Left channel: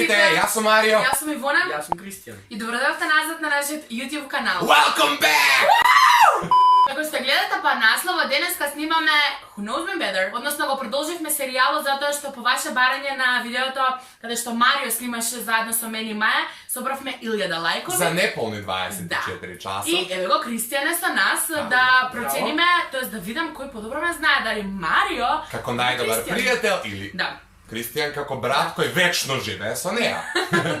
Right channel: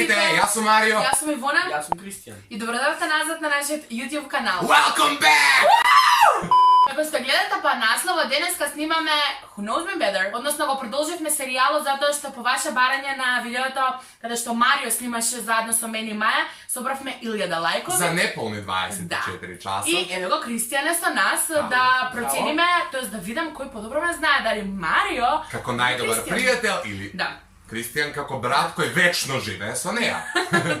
Zdrajte, jaz sam Mario. Jaz sam Ivona. Jaz sem Kristjan. I dobrodošli nazad na naš YouTube kanal. Welcome back! Ako ste gledate pa naslova, deneska snimame Who Knows Me Better, odnosno го продолживме серијалот затоа што по ваше барање на видеото каде што Марио снимаше заедно со мен и Маја, собравме 1000 лајкови. За неполни 24 часа. И еве го Кристијан е со нас да процениме, тоест да видам кој подобро ме знае, дали Марио Како најдобар пријател или Да. Кристијан како брат кој вечно живее со неа.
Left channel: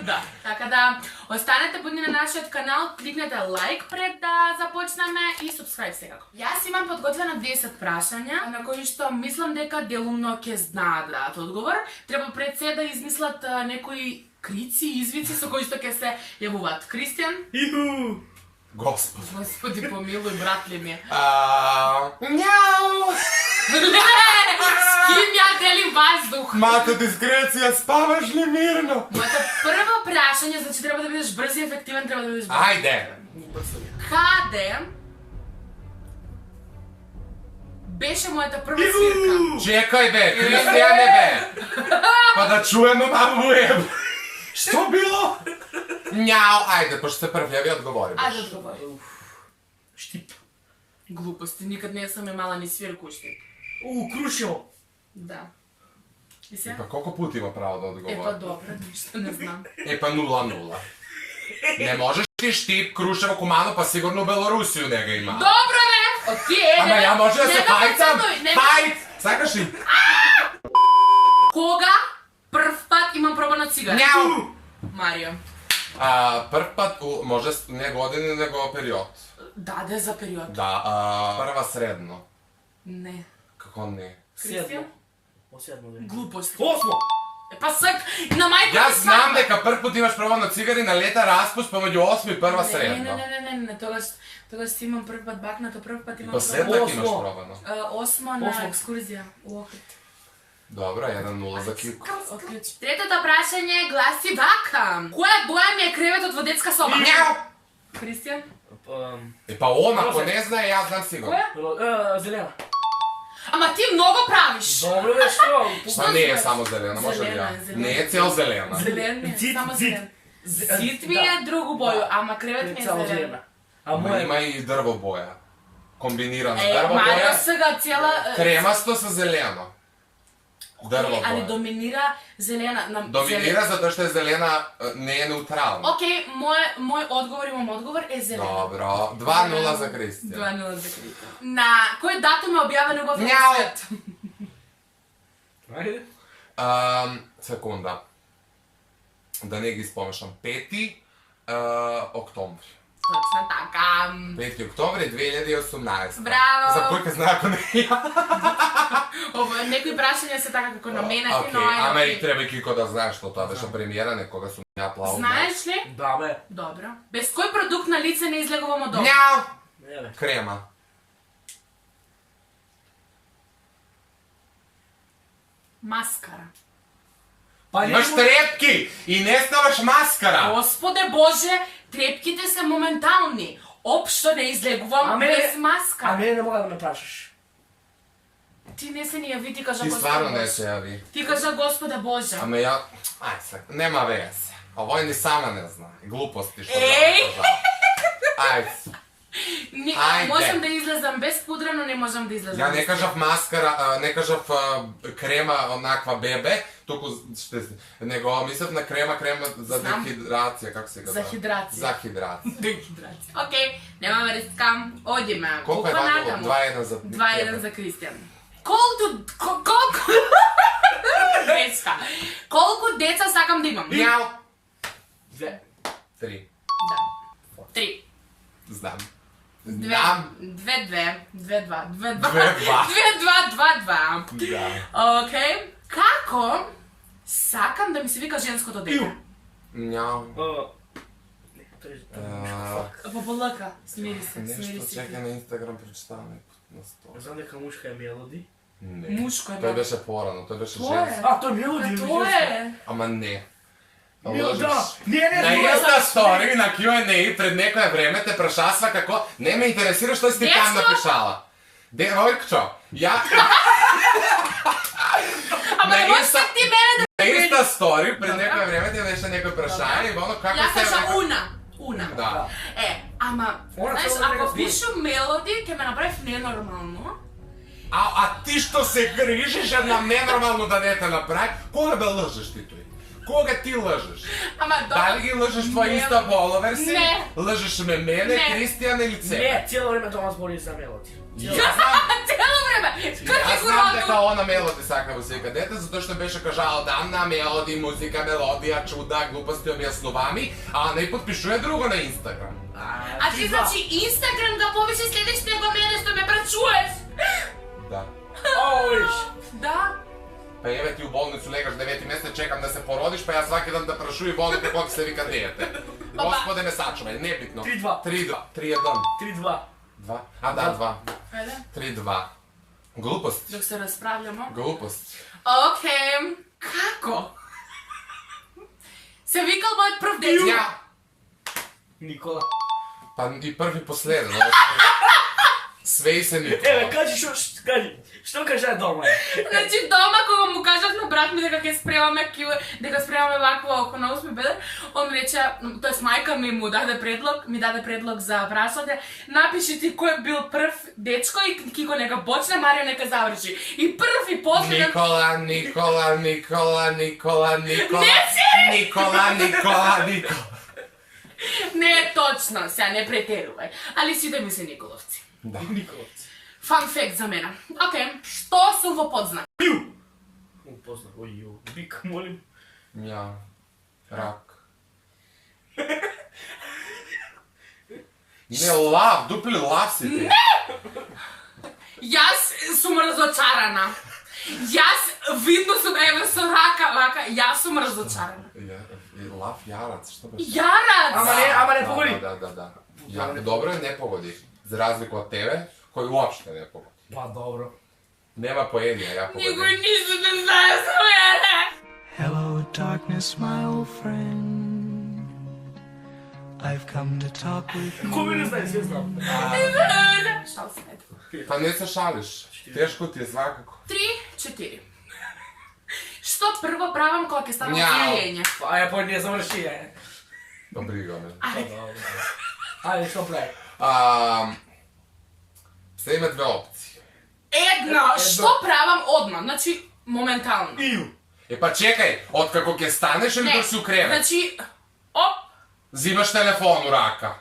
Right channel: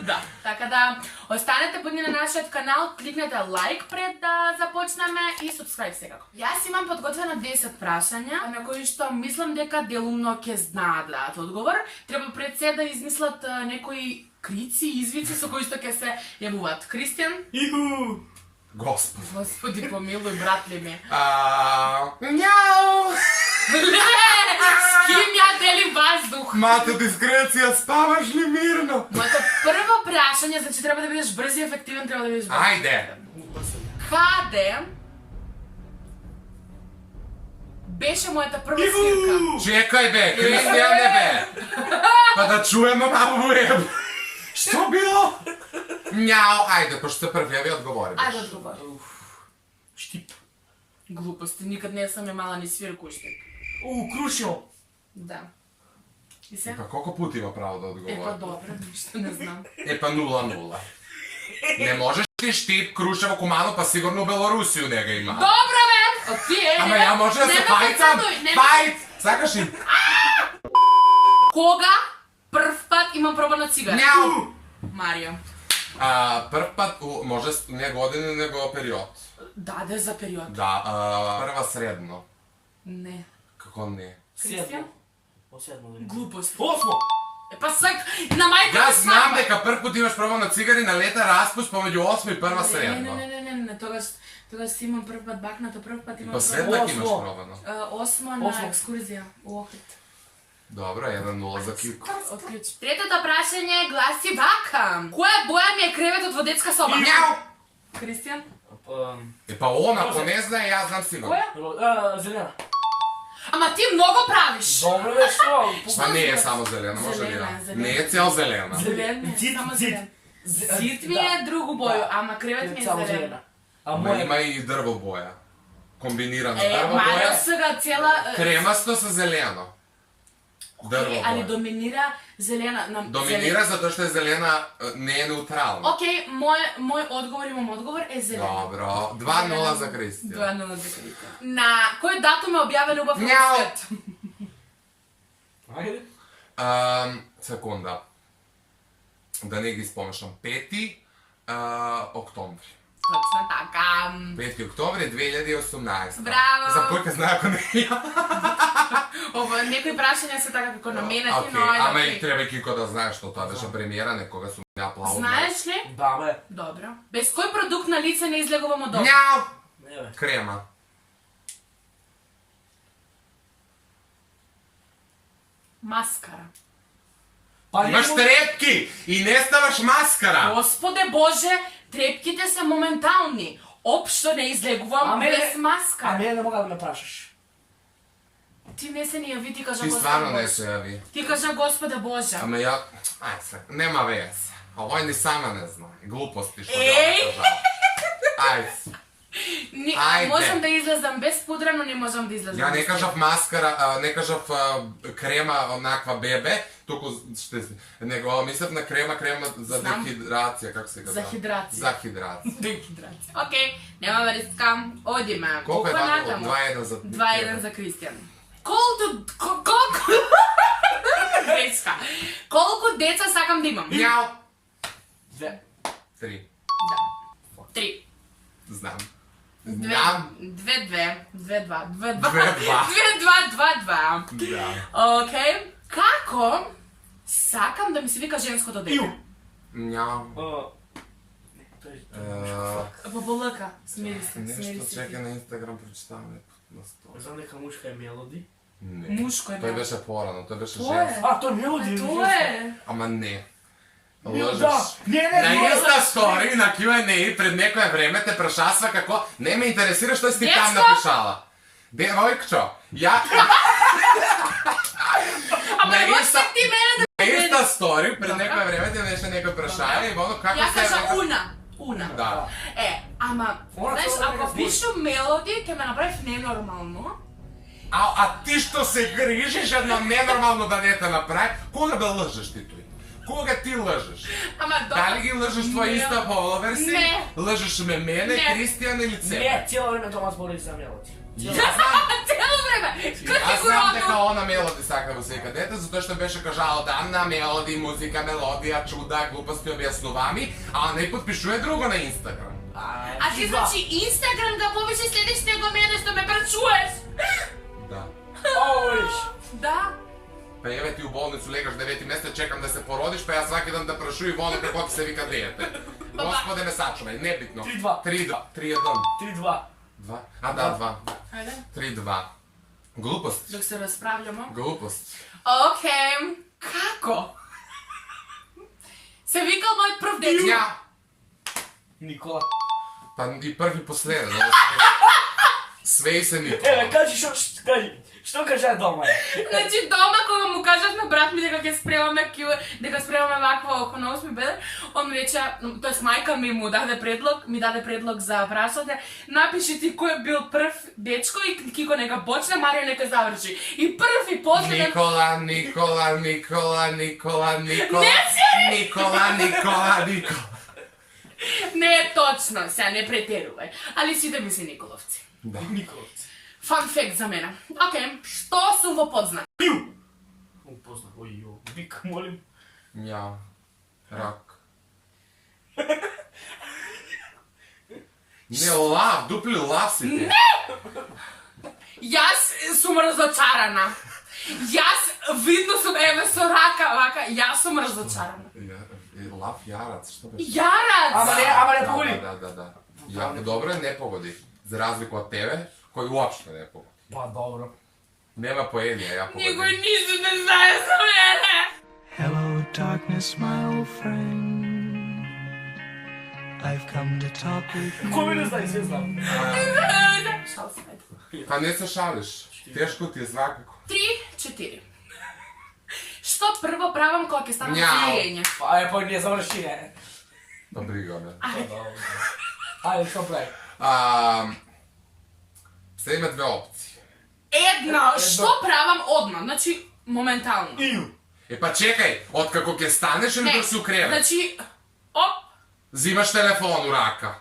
Да. Така да останете будни на нашиот канал, кликнете лайк пред да започнеме и subscribe секако. Јас имам подготвено 10 прашања на кои што мислам дека делумно ќе знаат да дадат одговор. Треба пред се да измислат некои крици и извици со кои што ќе се јавуваат. Кристијан? Иху! Господи помилуј, братле ми. Няу! С ким ја делим ваздух? Мата дискреција, спаваш ли мирно? Моето прво прашање, значи треба да бидеш брз и ефективен, треба да бидеш брз. Ајде! Каде беше мојата прва свирка? Чекај бе, Кристијане бе! Па да чуеме малку еб! Што било? Няу, ајде, пошто се први, ви одговори. Ајде одговори. Штип. Глупости, никад не сам имала ни свирку уште. Крушил. Да. И се? Епа, колко пути има право да одговори? Епа добро, ништо не знам. Епа 0-0. Не можеш ти Штип, Крушево, Кумано, па сигурно у Белорусiju не ga има. Добро бе! Окей, Ама ја може да се фајтам? Фајт! Сакаш ли? Кога прв пат имам пробана цигара? Няу! Марио. Прв пат, може не години, него период. Даде за период. Да, прва средно. Не. Како не? Кристијан? Седмо. Глупости. Осмо! Епа сак, на мајка Јас знам дека прв пут имаш пробана цигари на лета распуст помеѓу 8 и прва средно. Не, тогаш си имам прв пат бакнато, прв пат имам Последнак имаш пробано. Осмо на екскурзија у Охрид. Добро, 1-0 за Кико. Отклучи. Третото прашање гласи вака. Која боја ми е креветот во детска соба? Няу! Кристијан? Епа он, ако не знае, јас знам сигурно. Која? Зелена. Ама ти многу правиш. Добро бе, што? Па не е само зелена, може ли ја? Не е цел зелена. Зелен ми е, само зелен. Цит ми е другу боју, ама кревет ми е зелен. Ама има и дрво боја. Комбинирана Е, дрво Марио боја. сега цела... Кремасто со зелено. Дрво Али боја. доминира зелена. Доминира затоа што е зелена, не е неутрална. Окей, мој одговор, имам одговор, е зелена. Добро, 2-0 за Кристијан. 2-0 за Кристијан. На кој датум е објавен убав Няу. свет? Ајде. Секунда. Да не ги спомешам. 5 октомври. Точно така. 5 октомври 2018. Браво. За кој ке знае ако не ја? Ова, некои прашања се така како наменати, Окей, но ајде, ама и окей. треба Кико да знаеш што тоа беше премиера, некога сум ја аплаудна. Знаеш ли? Да, бе. Добро. Без кој продукт на лице не излегувам од дома? Няу! Не, бе. Крема. Маскара. Па Имаш трепки и не ставаш маскара. Господе Боже, трепките се моментални. Општо не излегувам без А маскара. мене не мога да ме прашаш. Ти не се ни јави, ти кажа Ти Господе стварно не Боже. се јави. Ти кажа Господе Боже. Ама ја... Ај се, нема вез. Овој ни сама не знае. Глупости што Еј! да кажа. Ај се. Ајде. Можам да излезам без пудра, но не можам да излезам. Ја не без кажав маскара, не кажав крема онаква бебе, туку што него мислев на крема за Знам. дехидрација, како се казва? За хидрација. За хидрација. Дехидрација. Окей, нема врска. Одиме. Колку е натаму? ваѓало? 2-1 за 2-1 за Кристијан. Колку деца? Колку деца сакам да имам? Јао! Две. 3. Да. 3. Знам. 2-2. 2-2. 2-2. 2-2. 2-2. Да. Окей. Како сакам да ми се вика женското дете? Няу. Баболака. Смири се, смири Нешто се. чека на Инстаграм прочитаваме на стол. Знам дека мушка е Мелоди. Не. Мушко е, Тој да. беше порано, тој беше Тоа е. женски. Тој Мелоди. Тоа е. Ама не. Да. Не, На Инста стори, на Q&A пред некое време те прашасва како не ме интересира што си ти там Дечко! напишала. Девојкчо, ја Ама на не можеш Инста- ти мене да Insta story, pre Dobro. neko vreme ti je nešto neko prašanje i ono kako Ja se... kažem una. Da. Ама, Ona знаеш, цела ако нека пишу мелоди, ќе ме направи ненормално. А ти што се грижиш една ненормално да не те направи, кога да лъжеш ти тој? Кога ти лъжеш? Ама Дали ги лъжеш твои Не. инста фоловер си? Не. Лъжеш ме мене, Не. Кристијан или Цепа? Не, cijelo vrijeme Tomas govori za Melody. Јас знам, Цело време. јас знам дека она Мелоди сака во сека дете, затоа што беше кажала на Мелоди, музика, мелодија, чуда, глупости, објаснувами, а не подпишува друго на Инстаграм. А ти значи Инстаграм да повише следиш него мене што ме прачуеш. Да. О, vidiš. Да. Па еве ти у болницу легаш 9 месец, чекам да се породиш, па јас сваки ден да прашувам и волам како ти се вика дете. Господе ме сачувај, небитно. 3-2. 3-2. 3-1. 3-2. 2. А да, 2. Ајде. 3-2. Глупост. Док се расправljamo. Глупост. Океј. Како? Се викал мојот прв дечко. Ја. Nikola. Па и прв и последен. Све и се Никола. Evo, što kaže doma? Значи дома кога му кажав на брат ми дека ќе спремаме дека спремаме вакво oko на 8 бедер, он рече, тоест мајка ми ми даде предлог за прашање, напиши ти кој бил прв дечко и Кико нека почне, Марио нека заврши. И прв и последен. Никола. Не е точно, сега не претерувај, али сите ми се Николовци. Да. Nikolovci. Фан факт за мене. Океј, што сум во подзнак? Upoznam, oj, bik, molim. Ја. Рак. Не, лав, дупли лав си ти. Јас сум разочарана. Јас видно сум еве со рака, вака, јас сум разочарана. Лав јарац, што беше? Јарац! Ама ne pogodi. Да. Ја, добро не погоди. За разлику од тебе, кој уопште не погоди. Pa dobro. Нема поедија, ја Никој погоди. ништо не знае за мене. Hello, darkness, my old friend. I've come to talk with you. Ko mi ne znaju, sve znam. Шал се, ето. Па не се шалиш. Тешко ти е свакако. 3-4. Што прво правам кога ќе станам Мјау. фијење? A ja pa ne završi, je. Па брига ме. Ајде. Ajde, što pravi? Се има две опции. Една, што правам одма, значи моментално. Iju. Па чекај, откако ќе станеш или док си у кревет? Значи, оп, Зимаш телефон у рака.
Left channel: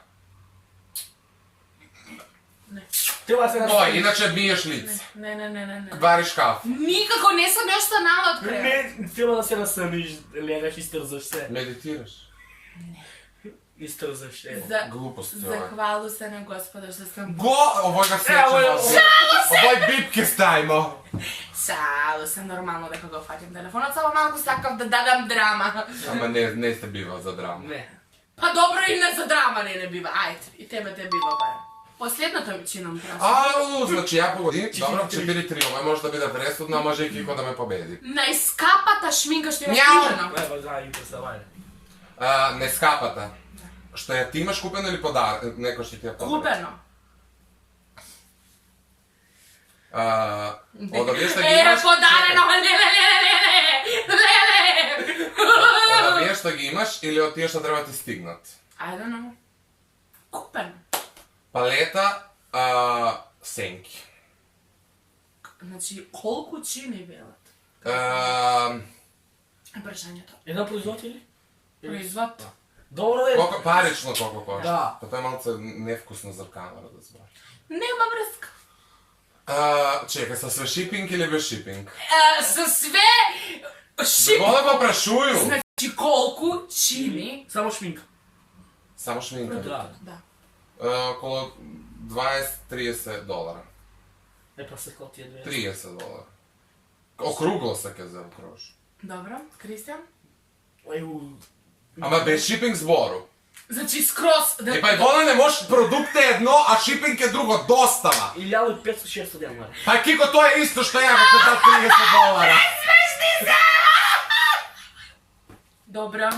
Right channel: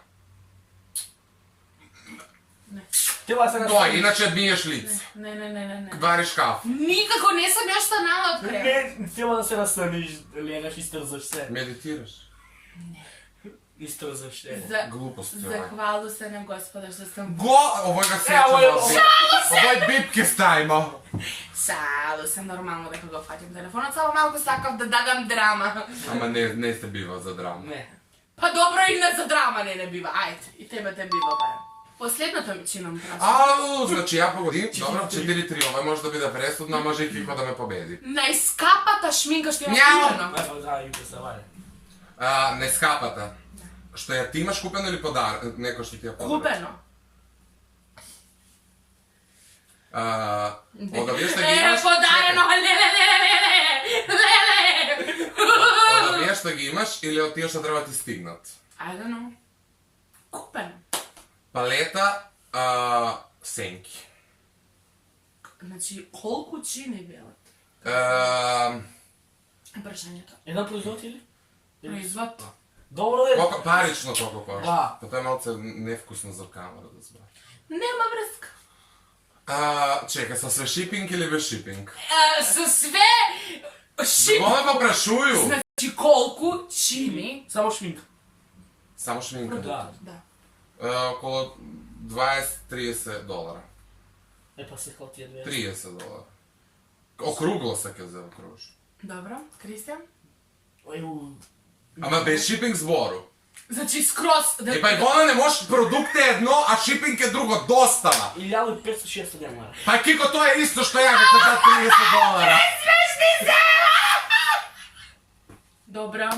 Treba se Тоа, иначе миеш лице. не. Вариш кафе. Никако не сум још станала од кревет. Ne, treba da se rasaniš, legaš, istrzaš se. Медитираш. Istrzaš se. Глупост е ова. Захвалу се на Господа што сум Овој га сечам Ево, на бип. Овој бип ке ставимо. Шалу се нормално дека го фатим телефонот, само малку сакав да дадам драма. Ама не се бива за драма. Ne. Па добро и не за драма не бива, ајде, и тебе те бива барем. Последното ми чинам право. Ау, значи ја погоди. Добро, 4-3. Овој може да биде пресудно, а може и Кико да ме победи. Најскапата шминка што имам Нямам. купено. Evo, da, interesovanje. Нескапата. Што ја ти имаш купено или подар? Некој што ти ја подари? Купено. Одавиеш што ги имаш... Подарено, леле. Одавиеш што ги имаш или од тие што треба ти стигнат? I don't know. Купено. Палета, сенки. Значи, колку чини велат? Прашањето. Jedan proizvod ili? Производ. Dobro da je. Колко парично толку кошта? Да. Па тоа е малце невкусно за камера да збор. Нема врска. Чекај, со све шипинг или без шипинг? Со све шип. Го да попрашую. Значи, колку чини Samo šminka. Само шминка. продуктот? Да. Около $20-30. E pa se kao ti je dve. $30. Округло се ќе заокружи. Добро, Кристијан? Evo, Ама без шипинг збору. Значи, скроз... Па и вода не може, продукт е едно, а шипинг е друго, достава. 1500-600 dinara. Па Кико, тоа е исто што ја го кажа $30. Добро.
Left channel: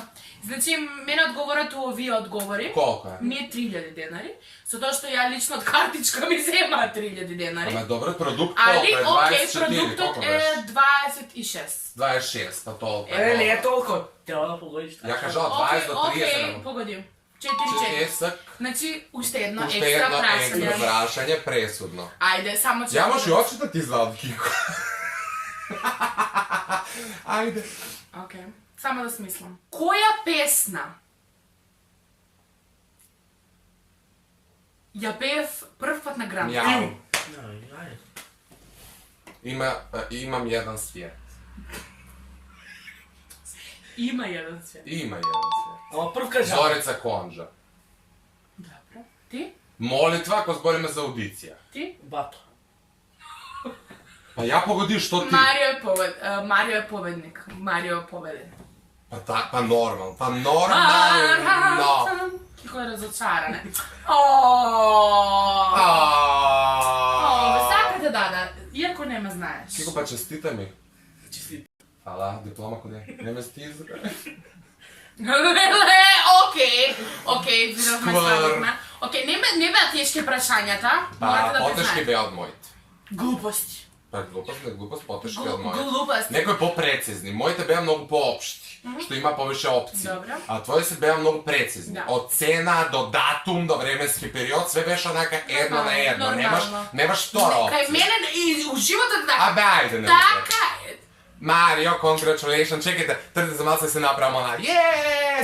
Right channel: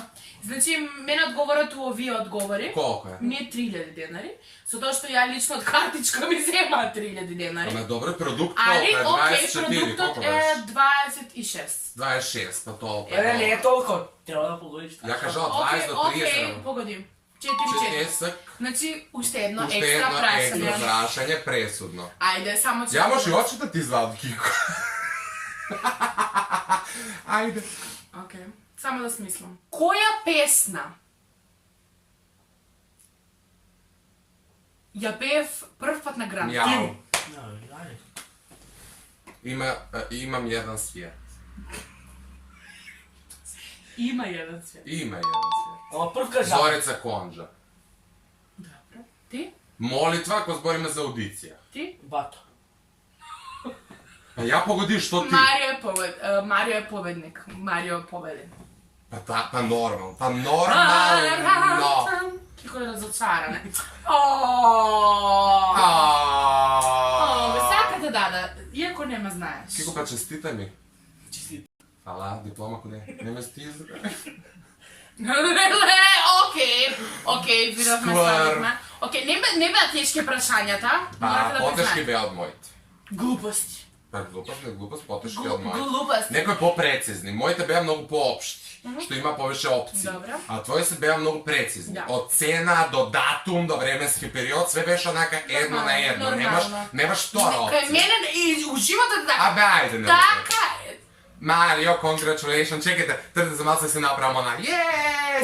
Значи, мене одговорат у овие одговори. Колко е? Не 3000 денари, со тоа што ја лично од картичка ми зема 3000 денари. Ама добро, продукт Али, колко е? окей, 24, продуктот колко е беше? 26. 26, па толкова. Не е толкова. Трябва да погодиш така. Ја кажал 20 до 30. Окей, погоди. 4. Четесак. Значи, уште едно Уште екстра едно екстра прашање. прашање, пресудно. Ајде, само Ја може и очите ти извадам, Кико. Ајде. Окей, само да смислам. Која песна ја пеев прв пат на Гранд? Јао. Ајде. Имам еден свет. Има еден свет. Има еден свет. Ама прв кажа. Зорица Конджа. Добро. Ти? Молитва, ако збориме за аудиција. Ти? Бато. А ја погоди, што ти? Марио е победник. Марио е победен. Па нормално. Па нормално. Кико е разочаране. Ме сакате да, иако нема знаеш. Кико, па честитай ми. Честит. Фала, диплома куде? Не ме стизга. Окей, видовме, Сквар. свадихме. Окей, не беа тешки прашањата, морате да Потешки признаете. беа од моите. Глупости. Па глупост, не глупост, потешки од моите. Глупости. Некои попрецизни. Моите беа многу поопшти, што има повеќе опции. Добро. А твои се беа многу прецизни. Да. Од цена до датум до временски период, све беше онака едно на едно. Нормално. Немаш втора Кај опција. мене и у животот така. А бе, ајде, не. Така е. Марио, congratulations, чекайте, трдите за малце се направам она,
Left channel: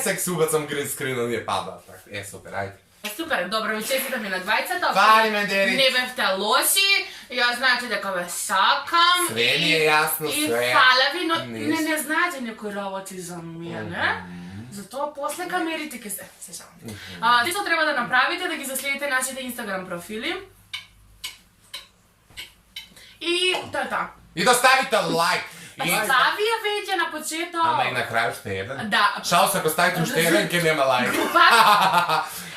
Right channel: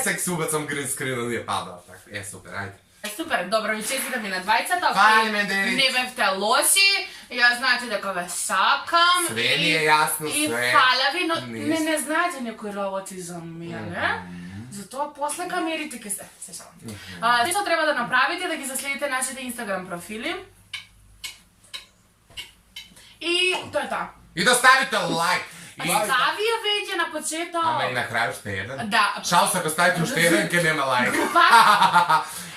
сега се убацам грин скрина, ние пада. Супер, ајде. Супер, добро ви честитам и на двајцата. Фали ме, Дери. Не бевте лоши, ја знаете дека ве сакам. Све ми е јасно, И све. фала ви, но Низ. не знаете некои работи за мене. Затоа после камерите ќе се шалам. Што треба да направите, да ги заследите нашите Инстаграм профили. И тоа е тоа. И да ставите лайк. И... Стави ја веќе на почеток. Ама и на крај уште еден. Да. Шалс, ако ставите уште еден, ке нема лайк. Група.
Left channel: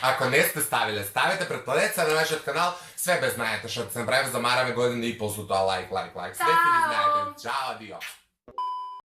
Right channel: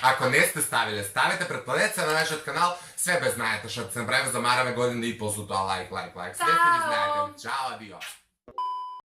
Ако не сте ставиле, ставите, претпладете се на нашиот канал, све бе знаете, што се направи, замараме година и пол со тоа лайк. Све си ги знаете. Чао, адио.